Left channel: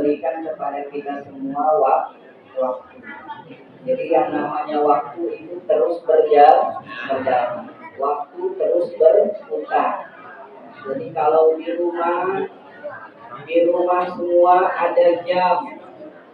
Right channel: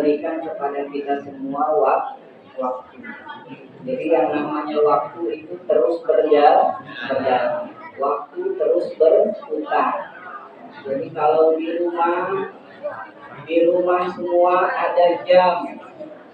memberikan kepada kita semua waktu. Jadi yang namanya waktu itu terus berjalan, waktu terus berputar. Jadi kalau di rumah semua ada jam,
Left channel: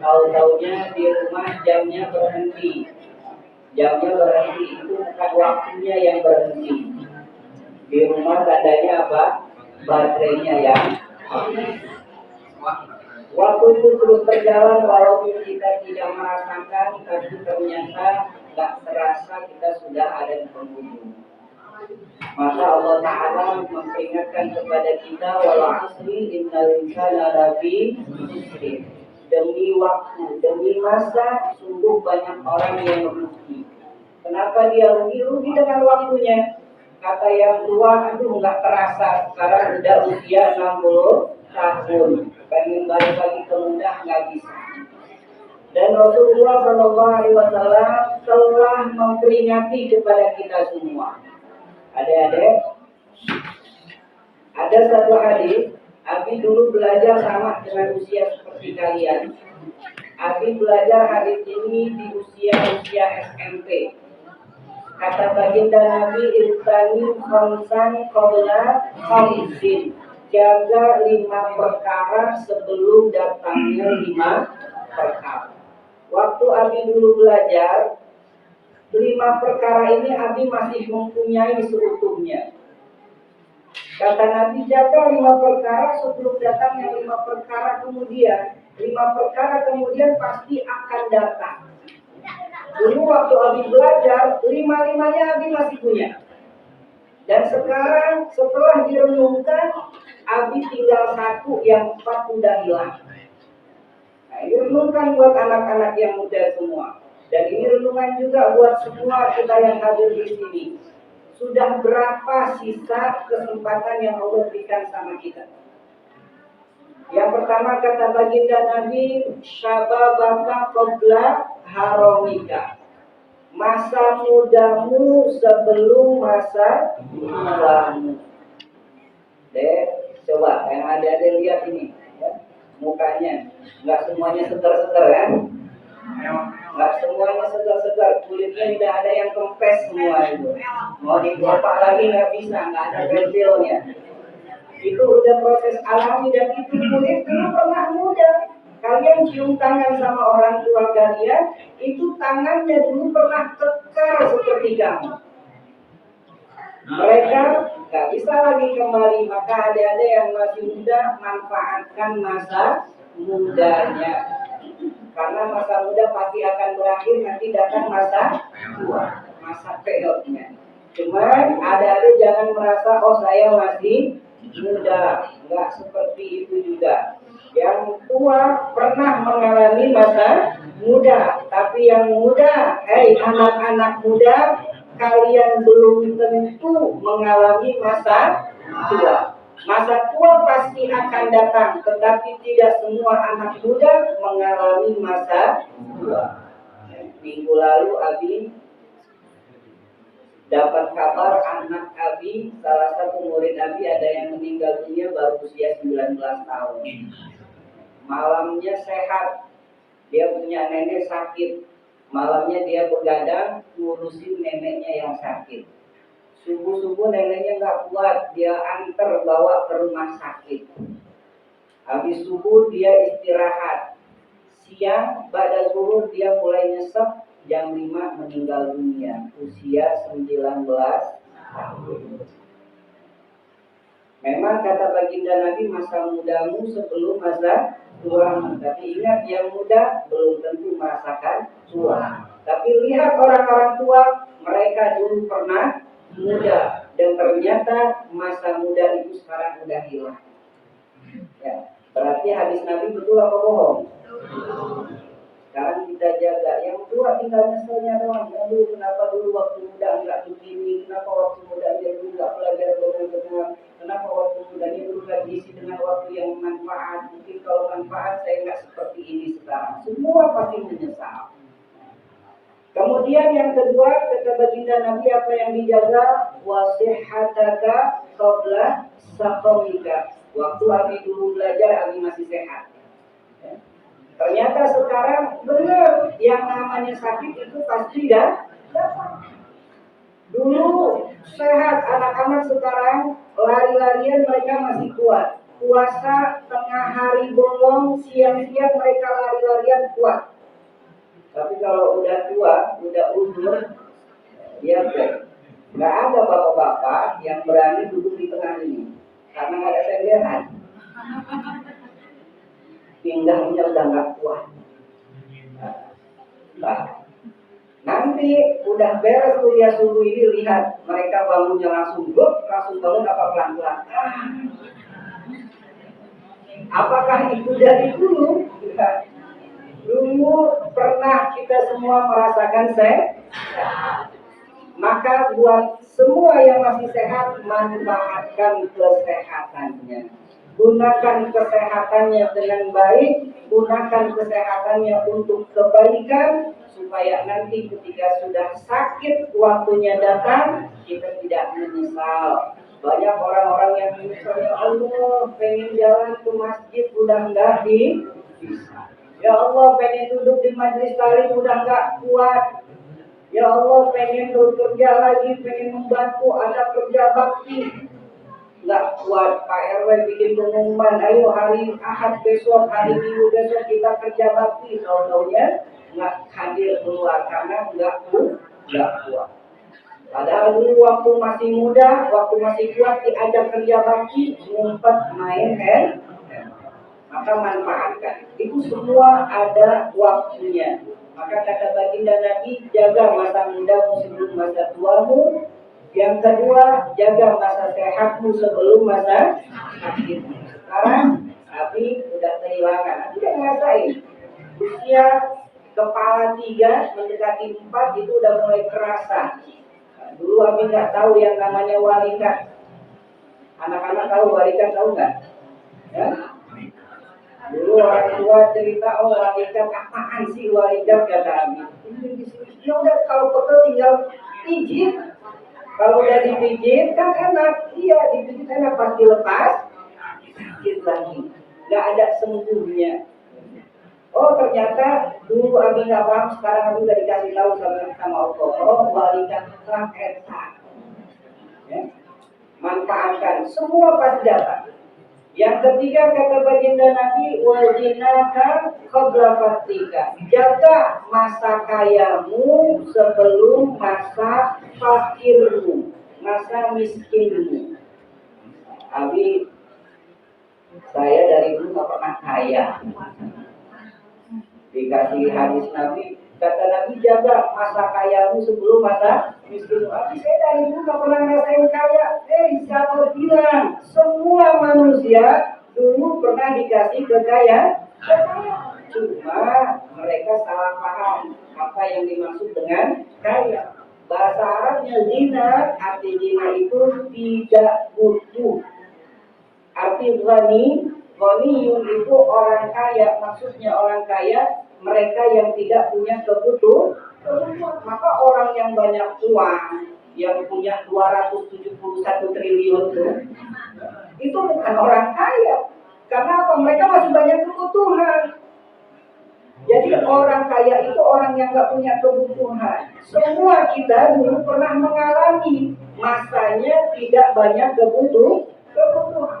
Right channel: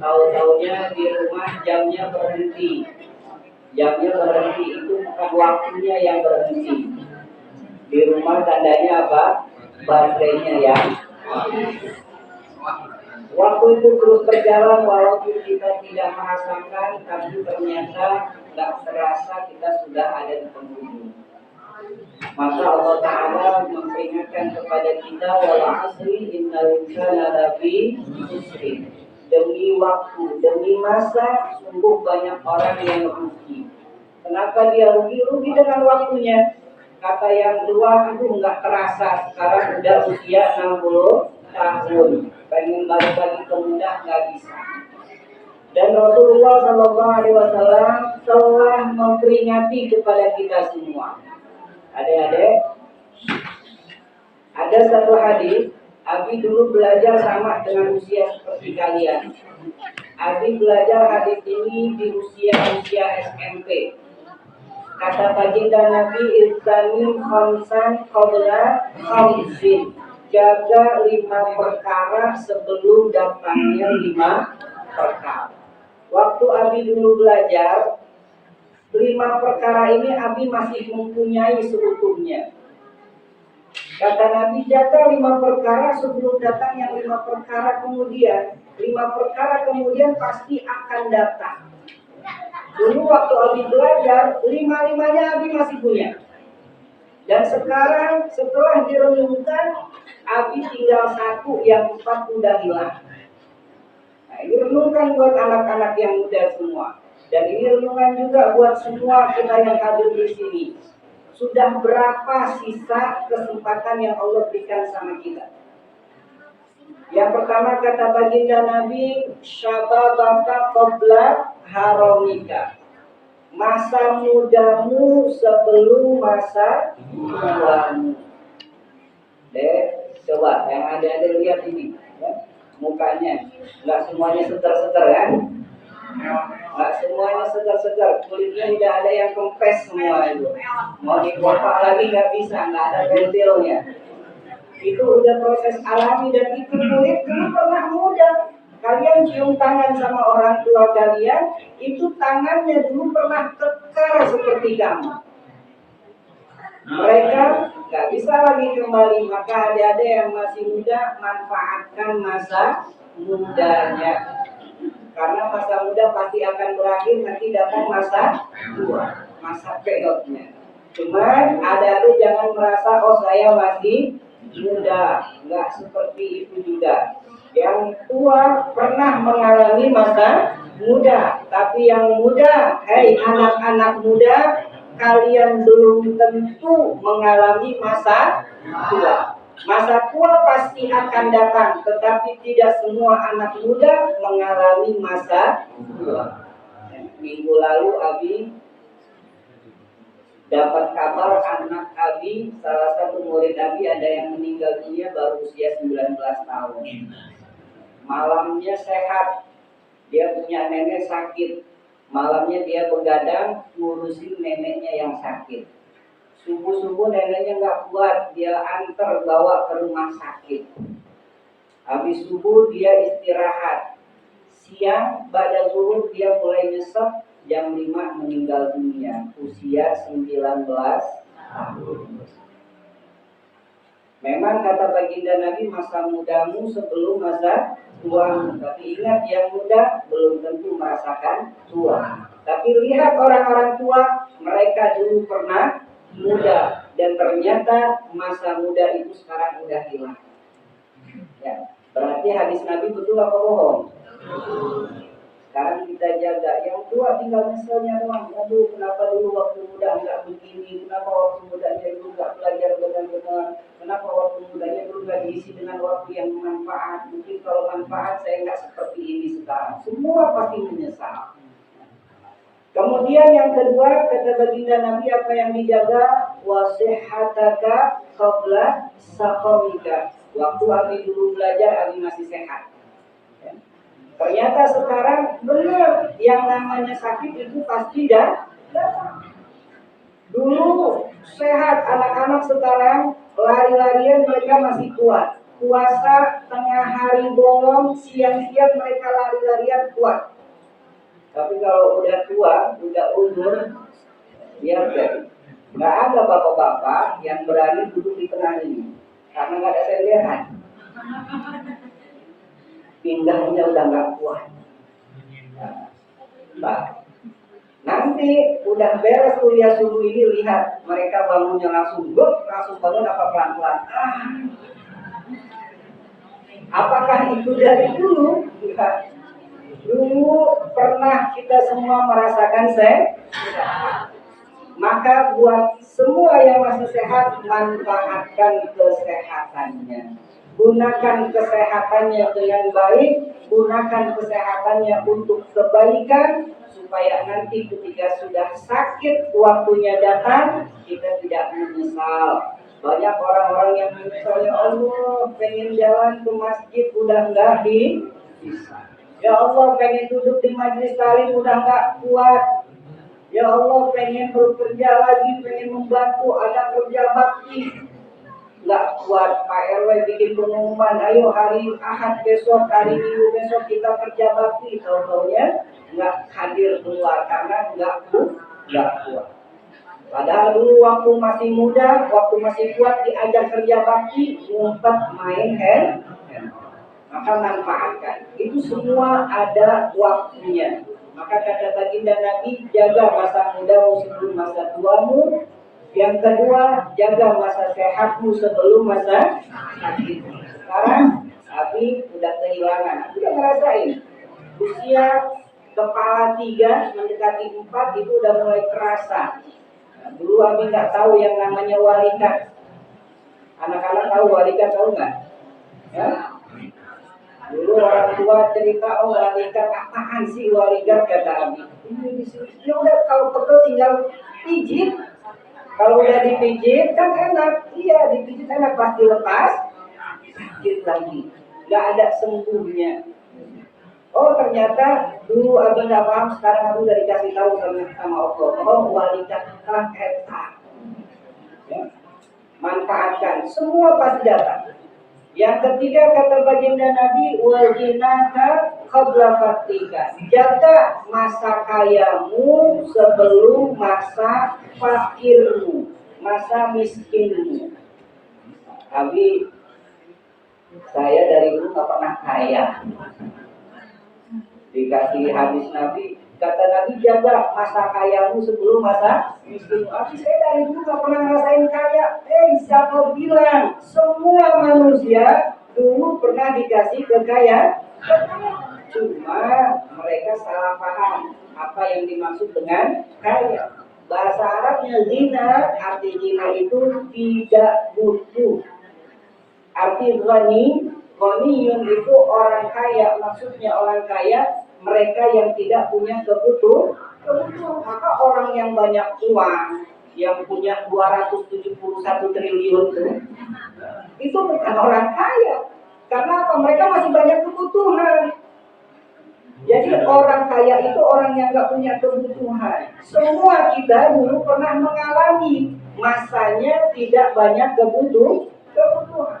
tahu-taunya di rumah jamnya berhenti. Jamnya berhenti itu bukan waktunya yang berhenti. Di rumah tandanya apa? Baterainya yang waktu itu terus berjalan walaupun kita tidak merasakan, tapi ternyata tak terasa kita sudah ada di penghujung. Maka Allah Ta'ala memperingatkan kepada kita wal asri innal insana lafi khusr. Demi waktu, demi masa, sungguh banyak orang yang rugi. Kenapa dia rugi? Rugi dengan waktunya. Kata yang tua, aduh nggak terasa, sekarang udah usia 60 tahun. Pengen balik lagi ke muda nggak bisa. Dan Rasulullah SAW telah memperingati kepada kita semua. Adik-adik, ada satu hadis, Abi dulu belajar sama dengan usia seperti kalian. Abi belajar hadis ini di usia SMP. Kata baginda Nabi, Irtani khamsan qabla khamsin. Jaga 5 perkara sebelum datangnya 5 perkara. Waktu Abi dulu belajar, 5 perkara ini Abi masih mempunyai seutuhnya. Kata Nabi, jaga 5 perkara sebelum datang yang 5 perkara kemudian. 5 perkara kemudian pasti akan datang. Dulu waktu Abi belajar, 5-5-nya Abi masih punya. Dan sekarang setelah direnungkan, Abi tinggal 1, yang 4 udah hilang. Nah, ini renungkan buat anak-anak yang muda semua. Dan ini renungan juga buat semua kita yang hadir di sini. Sudah berapa sisa kesempatan yang Allah berikan sama kita? Yang pertama kata baginda Nabi, syababaka qabla haramika. Masa mudamu sebelum masa tuamu. Coba yang ada lihat ini, ya. Mukanya nggak semuanya seger-seger kan? Nggak semuanya segar-segar, kulitnya tidak ada yang kempes semua itu. Mau dikopak lagi nggak bisa, nggak ada pentilnya. Itu udah proses alami dan itu kulit dulu pernah muda. Kalian cium tangan sama orang tua kalian, itu tangannya dulu pernah kekar seperti kamu. Mereka nggak bisa lagi kembali, maka adik-adik yang masih muda manfaatkan masa mudanya. Karena masa muda pasti akan berakhir, nanti datang masa tua, masa peotnya. Cuman adik-adik jangan merasa, oh saya masih muda. Enggak seperti itu juga. Yang tua pernah mengalami masa muda. Tapi yang muda, hei anak-anak muda, kalian belum tentu mengalami masa tua. Masa tua pasti akan datang, tetapi tidak semua anak muda mengalami masa tua. Minggu lalu Abi dapat kabar anak Abi, salah satu murid Abi ada yang meninggal dunia baru usia 19 tahun. Malamnya sehat, dia punya nenek sakit. Malamnya dia begadang ngurusin neneknya yang sakit. Subuh-subuh neneknya nggak kuat, dia antar bawa ke rumah sakit. Habis subuh dia istirahat. Siang pada zuhur dia mulai nyesek, jam 5 meninggal dunia, usia 19 tahun. Memang kata baginda Nabi, masa mudamu sebelum masa tuamu. Tapi ingat, yang muda belum tentu merasakan tua. Tapi lihat orang-orang tua, mereka dulu pernah muda dan ternyata masa muda itu sekarang udah hilang. Ya, berarti hadis Nabi betul apa bohong? Sekarang kita jaga. Yang tua tinggal nyeselnya doang. Aduh, kenapa dulu waktu muda nggak begini? Kenapa waktu mudanya dulu nggak belajar benar-benar? Kenapa waktu mudanya dulu nggak diisi dengan waktu yang manfaat? Mungkin kalau manfaat saya nggak seperti ini sekarang. Semua pasti menyesal. Kemudian yang kedua, kata baginda Nabi, apa yang dijaga? Wasihhataka qabla saqamika. Waktu Abi dulu belajar, Abi masih sehat. Ya. Ternyata sekarang benar yang namanya sakit itu pasti datang. Dulu sehat anak-anak, sekarang lari-larian mereka masih kuat. Puasa tengah hari bolong, siang-siang mereka lari-larian kuat. Tapi kalau udah tua, udah umur, dia nggak ada bapak-bapak yang berani duduk di tengah ini karena nggak ada senderan. Pinggangnya udah nggak kuat. Nah, nanti udah beres kuliah subuh ini, lihat mereka bangunnya langsung bangun apa pelan-pelan. Apakah itu dari dulu? Dulu pernah kita semua merasakan sehat. Maka buat semua yang masih sehat, manfaatkan kesehatannya. Gunakan kesehatannya dengan baik, gunakan kesehatannya untuk kebaikan, supaya nanti ketika sudah sakit waktunya datang, kita tidak menyesal. Banyak orang-orang yang menyesal, ya Allah pengen jalan ke masjid udah enggak bisa. Ya Allah pengen duduk di majelis taklim udah enggak kuat. Ya Allah pengen bekerja lagi, pengen membantu, ada kerja bakti, nggak kuat. Pak RW bikin pengumuman, ayo hari Ahad besok, hari Minggu besok kita kerja bakti, tahu-taunya nggak hadir keluar karena nggak kuat. Padahal dulu waktu masih muda, waktu masih kuat diajak kerja bakti, ngumpet main hand. Maka manfaatkan. Itu semua ada waktunya. Maka kata baginda Nabi, jaga masa mudamu sebelum masa tuamu. Yang kedua, jaga masa sehatmu sebelum masa sakitmu. Sekarang, Abi udah kehilangan. Abi udah ngerasain. Usia kepala 3 mendekati 4 itu udah mulai kerasa. Nah, dulu Abi nggak tahu yang namanya walikat. Anak-anak tahu walikat, tahu nggak? Ya? Dulu orang tua cerita, oh walikat apaan sih walikat, kata Abi. Ya udah kalau pegel tinggal pijit. Kalau udah dipijit kan enak. Iya dipijit enak, pasti lepas sakit lagi. Nggak ada sembuhnya. Oh ternyata dulu Abi nggak paham, sekarang Abi udah dikasih tahu sama Allah. Oh walikat eta. Ya. Manfaatkan, semua pasti datang. Yang ketiga kata baginda Nabi, wajinaka qabla fatika. Jaga masa kayamu sebelum masa fakirmu, masa miskinmu. Abi, saya dari dulu nggak pernah kaya. Dikasih hadis Nabi, kata Nabi jaga masa kayamu sebelum masa miskinmu. Abi, saya dari dulu nggak pernah ngerasain kaya. Siapa bilang semua manusia dulu pernah dikasih kekayaan? Cuma mereka salah paham apa yang dimaksud dengan kaya. Bahasa Arabnya zina, arti zina itu tidak butuh. Arti ghaniyun itu orang kaya, maksudnya orang kaya mereka yang tidak punya kebutuhan. Maka orang yang banyak uang, yang punya 271 triliun itu bukan orang kaya. Karena apa? Mereka masih banyak kebutuhan. Jadi orang kaya itu orang yang gak punya kebutuhan. Semua kita dulu pernah mengalami masanya tidak banyak kebutuhan.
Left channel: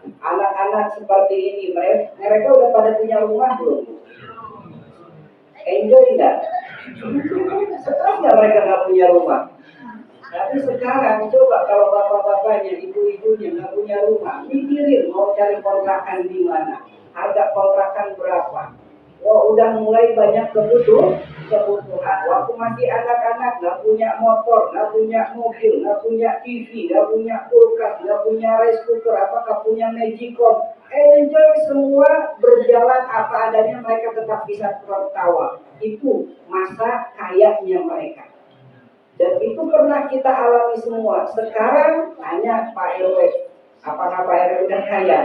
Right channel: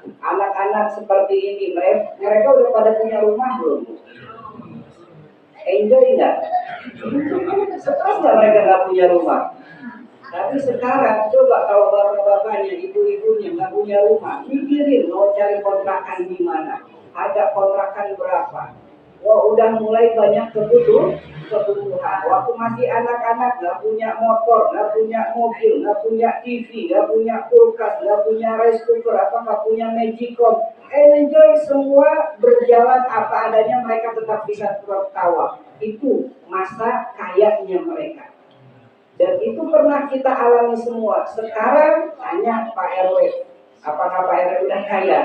Anak-anak seperti ini, mereka udah pada punya rumah belum? Enjoy nggak? Stres nggak mereka nggak punya rumah? Tapi sekarang coba kalau bapak-bapaknya, ibu-ibunya nggak punya rumah, mikirin mau cari kontrakan di mana, harga kontrakan berapa. Wah, udah mulai banyak kebutuhan. Waktu masih anak-anak nggak punya motor, nggak punya mobil, nggak punya TV, nggak punya kulkas, nggak punya rice cooker, nggak punya magicom. Enjoy semua, berjalan apa adanya, mereka tetap bisa tertawa. Itu masa kayanya mereka. Dan itu pernah kita alami semua. Sekarang tanya Pak RW, apakah Pak RW udah kaya?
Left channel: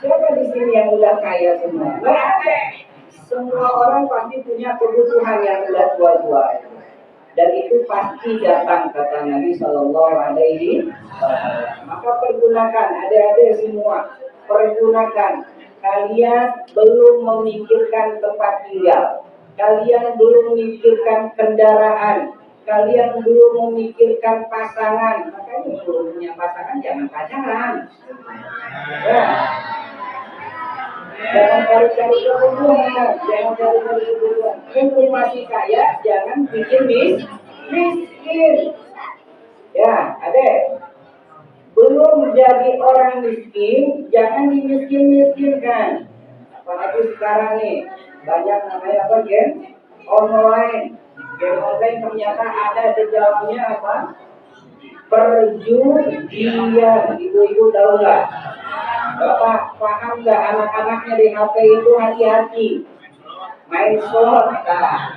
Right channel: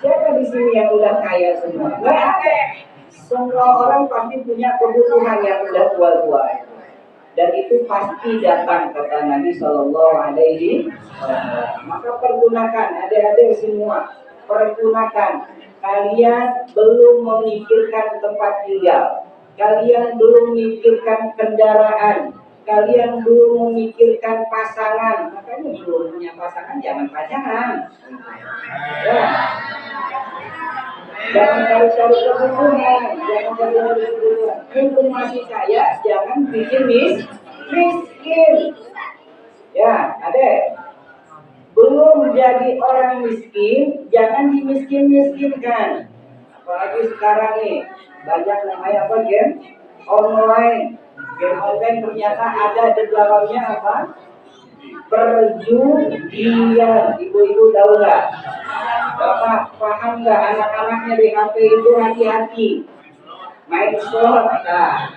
Siapa di sini yang udah kaya semua? Nggak ada. Semua orang pasti punya kebutuhan yang udah tua-tua. Dan itu pasti datang, kata Nabi Shallallahu Alaihi Wasallam. Maka pergunakan, adik-adik semua, pergunakan. kalian belum memikirkan tempat tinggal, kalian belum memikirkan kendaraan, kalian belum memikirkan pasangan. Makanya belum punya pasangan jangan pacaran. Ya. Jangan cari-cari kebutuhan, jangan cari-cari kebutuhan. Mumpung masih kaya, jangan bikin miskin. Ya, adek. Belum jadi orang miskin, jangan dimiskin-miskinkan. Apalagi sekarang nih, banyak namanya apa, game online. Game online ternyata ada di dalamnya apa? Perjudian. Ibu-ibu tahu nggak? Bapak paham nggak anak-anaknya di HP itu hati-hati. Main slot, nah.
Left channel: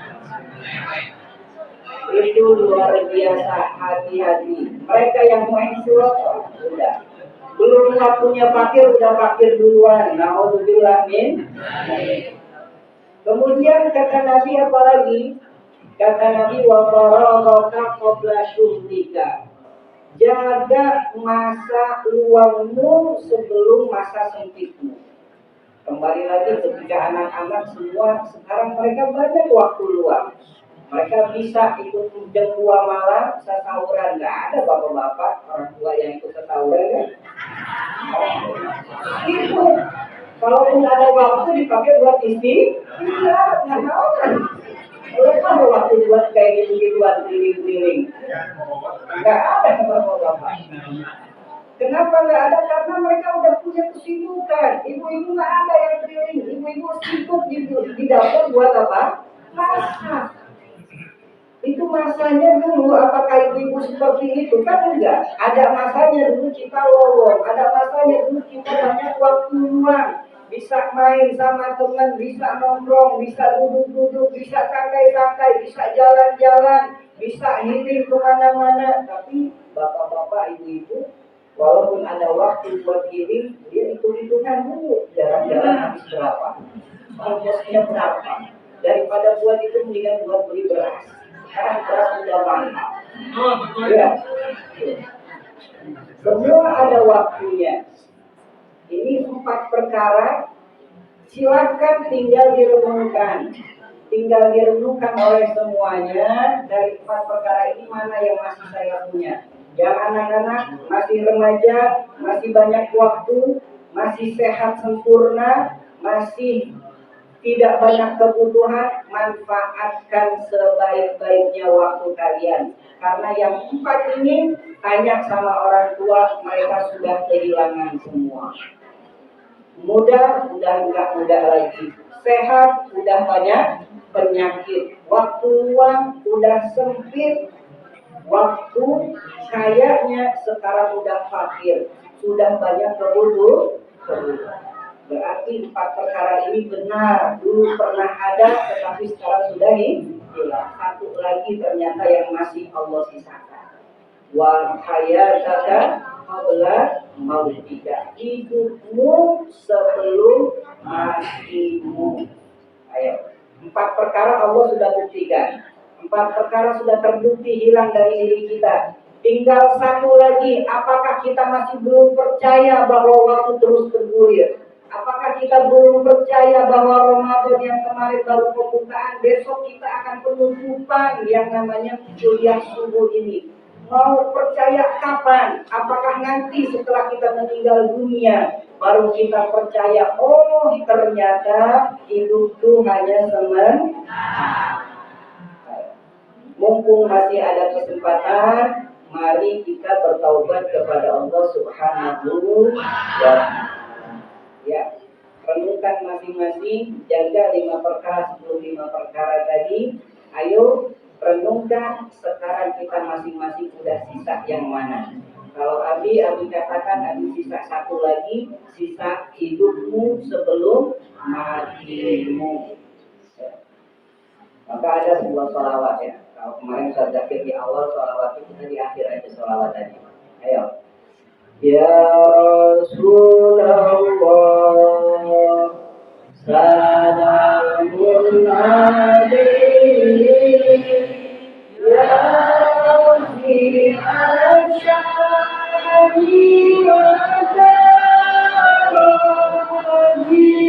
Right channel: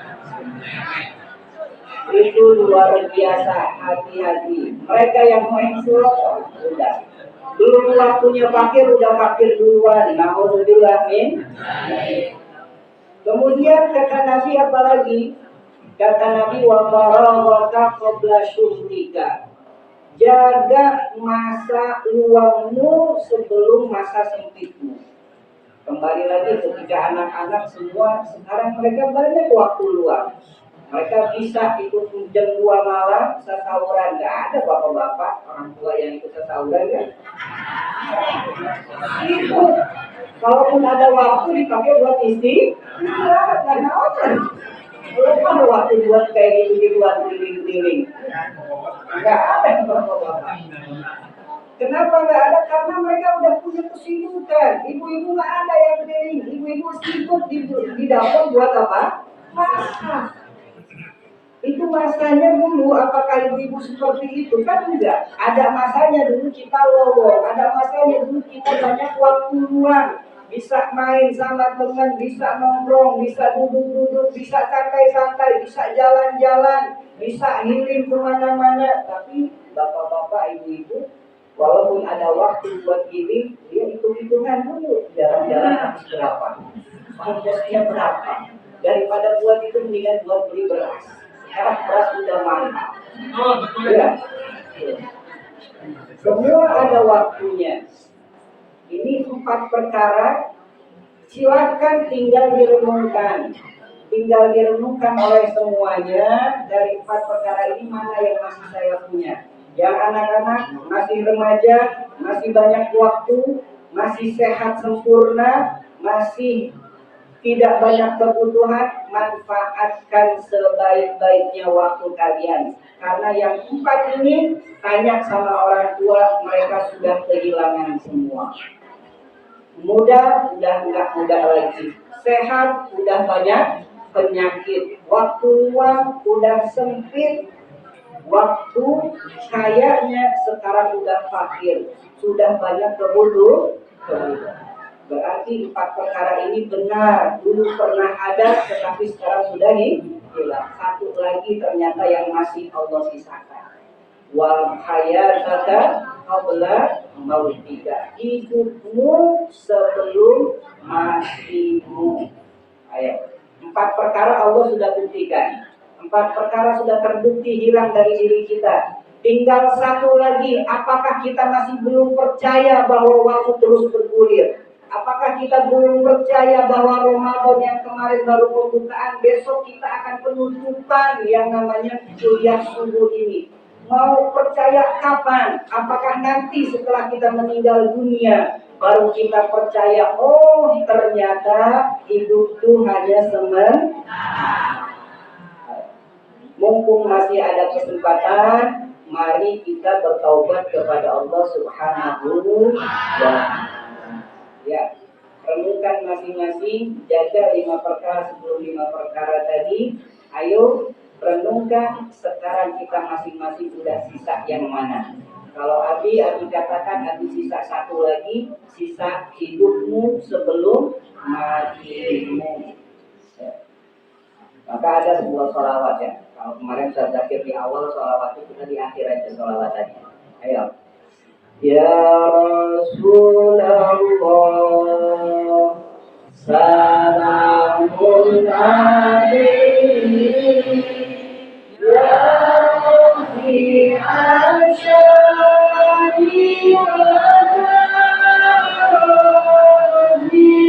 Itu luar biasa, hati-hati. Mereka yang main slot, udah. Belum waktunya fakir, udah fakir duluan. Nauzubillah min. Kemudian kata Nabi apa lagi? Kata Nabi wa faragaka qabla syughlika. Jaga masa luangmu sebelum masa sempitmu. Kembali lagi ketika anak-anak semua sekarang mereka banyak waktu luang. Mereka bisa ikut jam 2 malam sesauran. Nggak ada bapak-bapak orang tua yang ikut sesauran kan? Itu kalaupun ada waktu dipakai buat istirahat, nggak tahu kan? Kalau waktu buat kayak gitu-gituan keliling-keliling, nggak ada bapak-bapak. Kenapa nggak ada? Karena mereka udah punya kesibukan. Ibu-ibu nggak ada yang keliling. Ibu-ibu sibuk di dapur buat apa? Masak. Itu masanya dulu, apakah ibu-ibu seperti itu? Kan enggak. Ada masanya dulu kita lowong, ada masanya dulu kita banyak waktu luang. Bisa main sama teman, bisa nongkrong, bisa duduk-duduk, bisa santai-santai, bisa jalan-jalan, bisa healing kemana-mana. Tapi bapak-bapak, ibu-ibu, walaupun ada waktu buat healing, dia hitung-hitungan dulu. Jalan-jalan habis berapa? Ongkosnya berapa? Daripada buat itu mendingan buat beli beras. Sekarang beras sudah mahal. Ya. Semua ada waktunya. Ini 4 perkara. Silakan tinggal direnungkan. Tinggal direnungkan oleh semuanya. Dari 4 perkara ini mana yang masih saya punya. Yang anak-anak masih remaja, masih banyak waktu, masih sehat sempurna, masih tidak banyak kebutuhan, manfaatkan sebaik-baiknya waktu kalian. Karena yang 4 ini, tanya sama orang tua, mereka sudah kehilangan semua. Muda, udah enggak muda lagi. Sehat, udah banyak penyakit. Waktu luang, udah sempit. Waktu kayaknya sekarang udah fakir. Sudah banyak kebutuhan. Berarti 4 perkara ini benar. Dulu pernah ada, tetapi sekarang sudah hilang. 1 lagi ternyata yang masih Allah sisakan. Wa hayataka qabla mautika. Hidupmu sebelum matimu. Ayo. 4 perkara Allah sudah buktikan. 4 perkara sudah terbukti hilang dari diri kita. Tinggal 1 lagi. Apakah kita masih belum percaya bahwa waktu terus bergulir? Apakah kita belum percaya bahwa Ramadan yang kemarin baru pembukaan, besok kita akan penutupan yang namanya kuliah subuh ini? Mau percaya kapan? Apakah nanti setelah kita meninggal dunia baru kita percaya, oh ternyata hidup itu hanya sementara. Mumpung masih ada kesempatan, mari kita bertaubat kepada Allah Subhanahu wa Ta'ala. Ya, renungkan masing-masing, jaga 5 perkara sebelum 5 perkara tadi. Ayo renungkan sekarang kita masing-masing udah sisa yang mana. Kalau Abi katakan Abi sisa 1 lagi, sisa hidupmu sebelum matimu. Ya. Maka ada sebuah sholawat ya. Kalau kemarin saya zakir di awal sholawat itu, kita di akhir aja sholawat tadi. Ayo. Ya Rasulullah, salamun alaihi, ya Rabbi asyari wa tarani.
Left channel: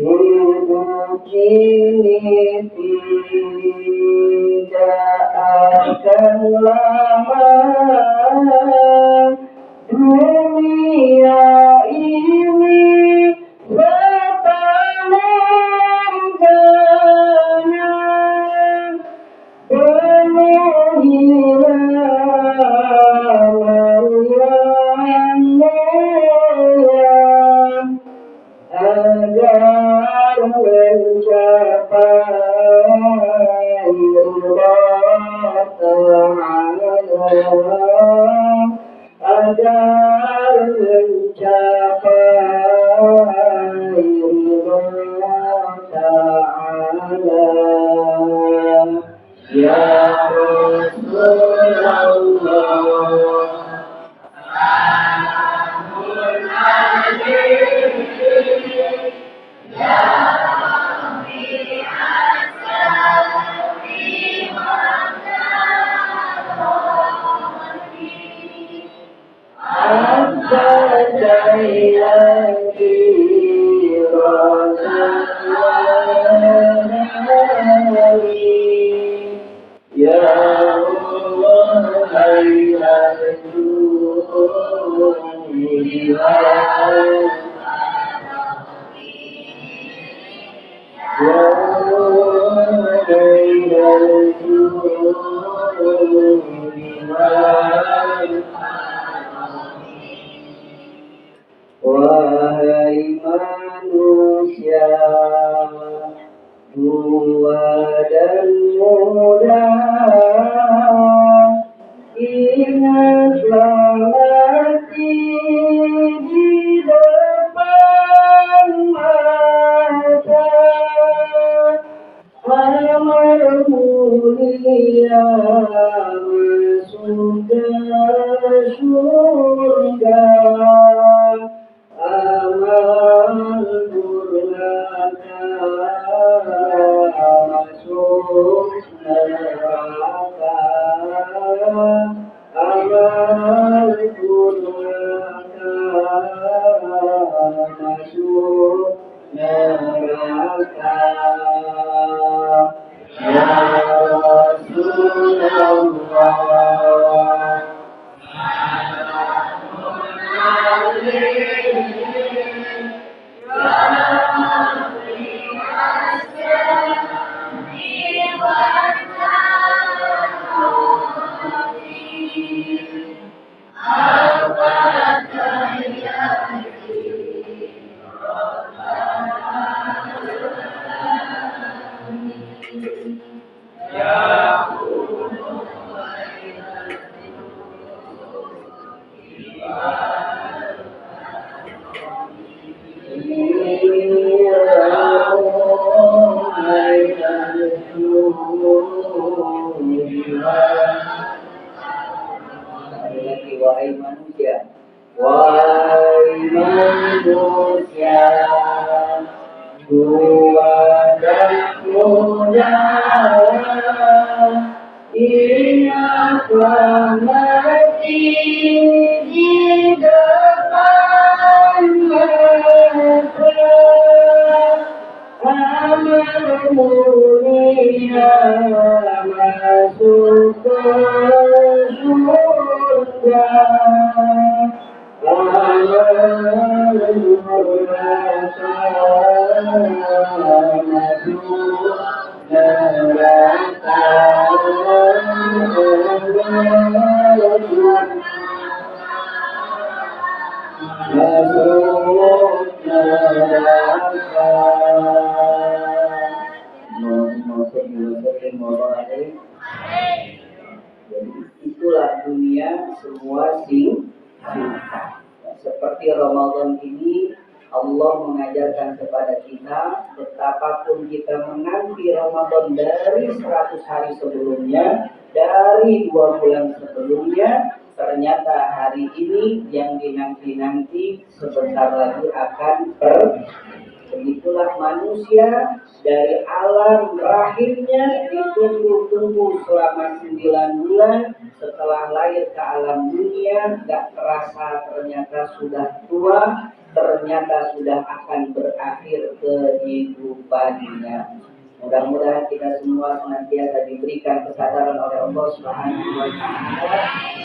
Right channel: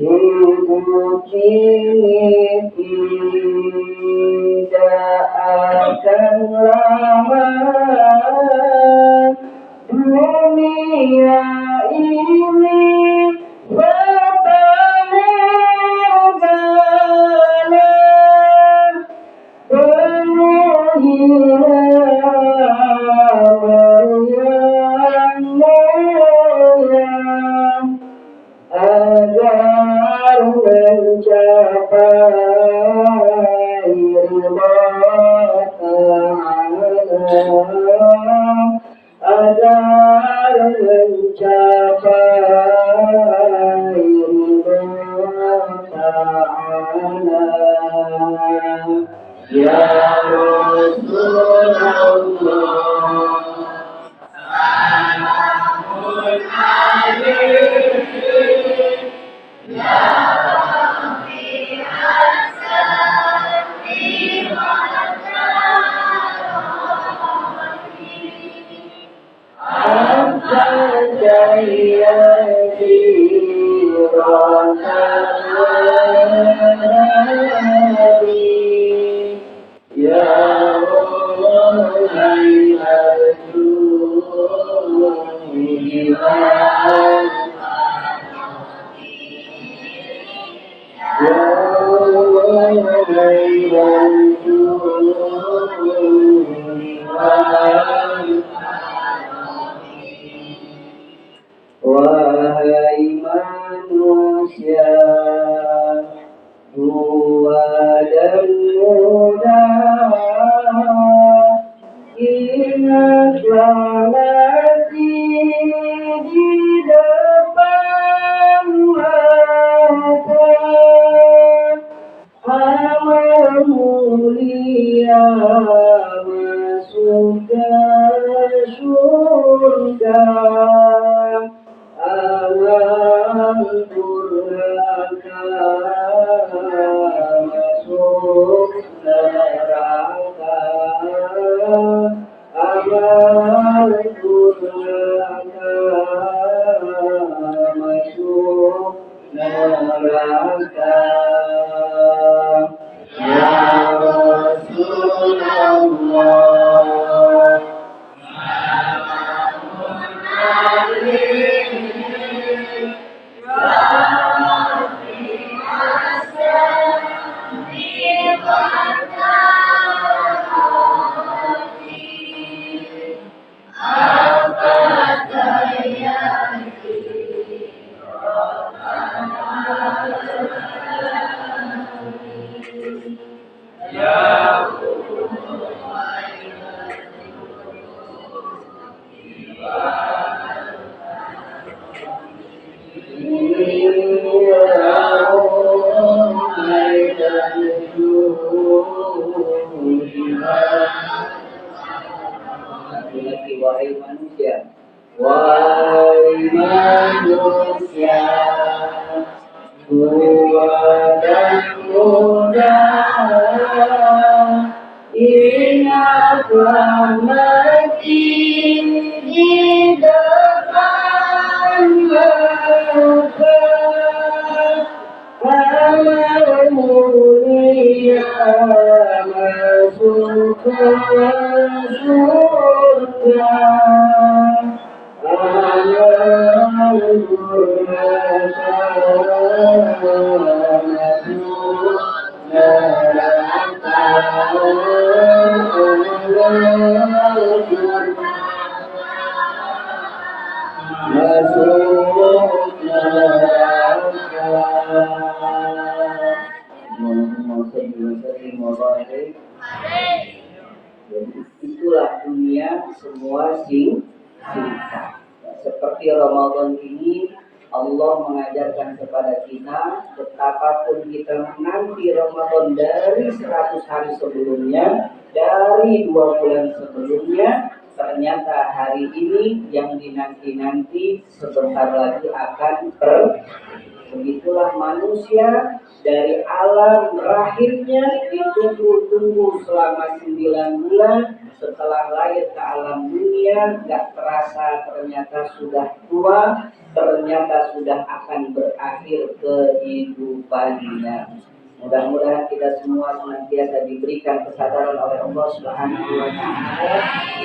Hidup ini tidak akan lama, dunia ini bertamergana, penuh hilang yang mulia, agar mencapai ridha Ta'ala, agar mencapai ridha Ta'ala. Ya Rasulullah, wahai manusia tua dan muda, ingatlah mati di depan mata, amal mulia masuk ke surga, amal durhaka masuk neraka, amal durhaka masuk neraka. Ya Rasulullah, wahai manusia, wahai manusia, tua dan muda, ingatlah mati di depan mata, amal mulia masuk ke surga, amal durhaka masuk neraka, amal Allah mengajarkan kepada kita, betapapun kita menanti Ramadan dari 100 hari sebelumnya, dari 2 bulan sebelumnya, ternyata hari ini yang dinanti-nanti sebentar lagi akan begitulah manusia dari alam rahimnya ditunggu-tunggu selama 9 bulan. Setelah lahir ke alam dunia, gak terasa ternyata sudah tua, ternyata sudah akan berakhir kehidupannya. Mudah-mudahan kita semua senantiasa diberikan kesadaran oleh Allah Subhanahu wa taala,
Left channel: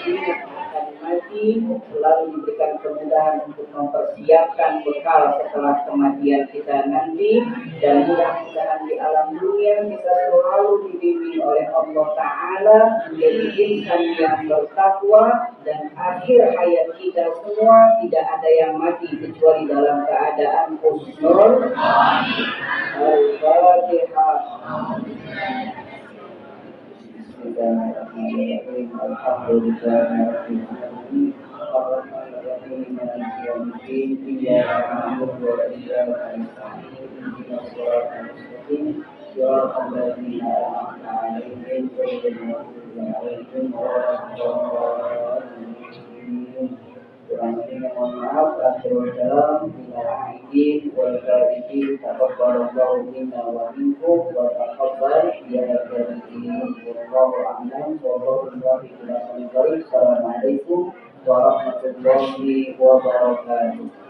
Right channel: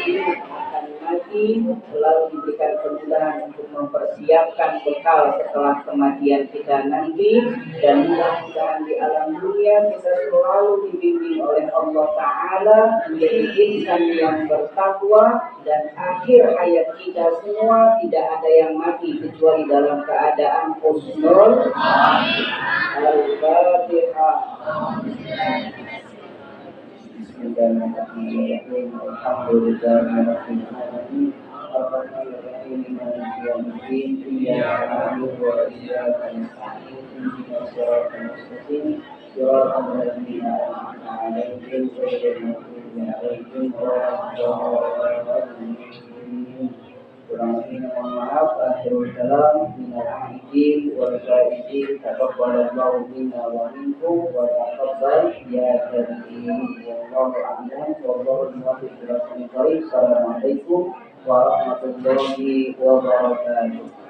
ingat akan mati, selalu diberikan kemudahan untuk mempersiapkan bekal setelah kematian kita nanti, dan mudah-mudahan di alam dunia kita selalu dibimbing oleh Allah taala menjadi insan yang bertakwa, dan akhir hayat kita semua tidak ada yang mati kecuali dalam keadaan husnul. Al-Fatihah. Bismillahirrahmanirrahim. Alhamdulillahirabbil alamin. Arrahmanirrahim. Maliki yaumiddin. Iyyaka na'budu wa iyyaka nasta'in. Ihdinas siratal mustaqim. Siratal ladzina an'amta 'alaihim ghairil maghdubi 'alaihim waladdallin. Kurang lebihnya mohon maaf. Akhirul kalam, minal aidin wal faizin, taqabbalallahu minna wa minkum wa taqabbal ya karim. Wallahu a'lam. Wallahu muwaffiq ila aqwamit thoriq. Assalamualaikum warahmatullahi wabarakatuh.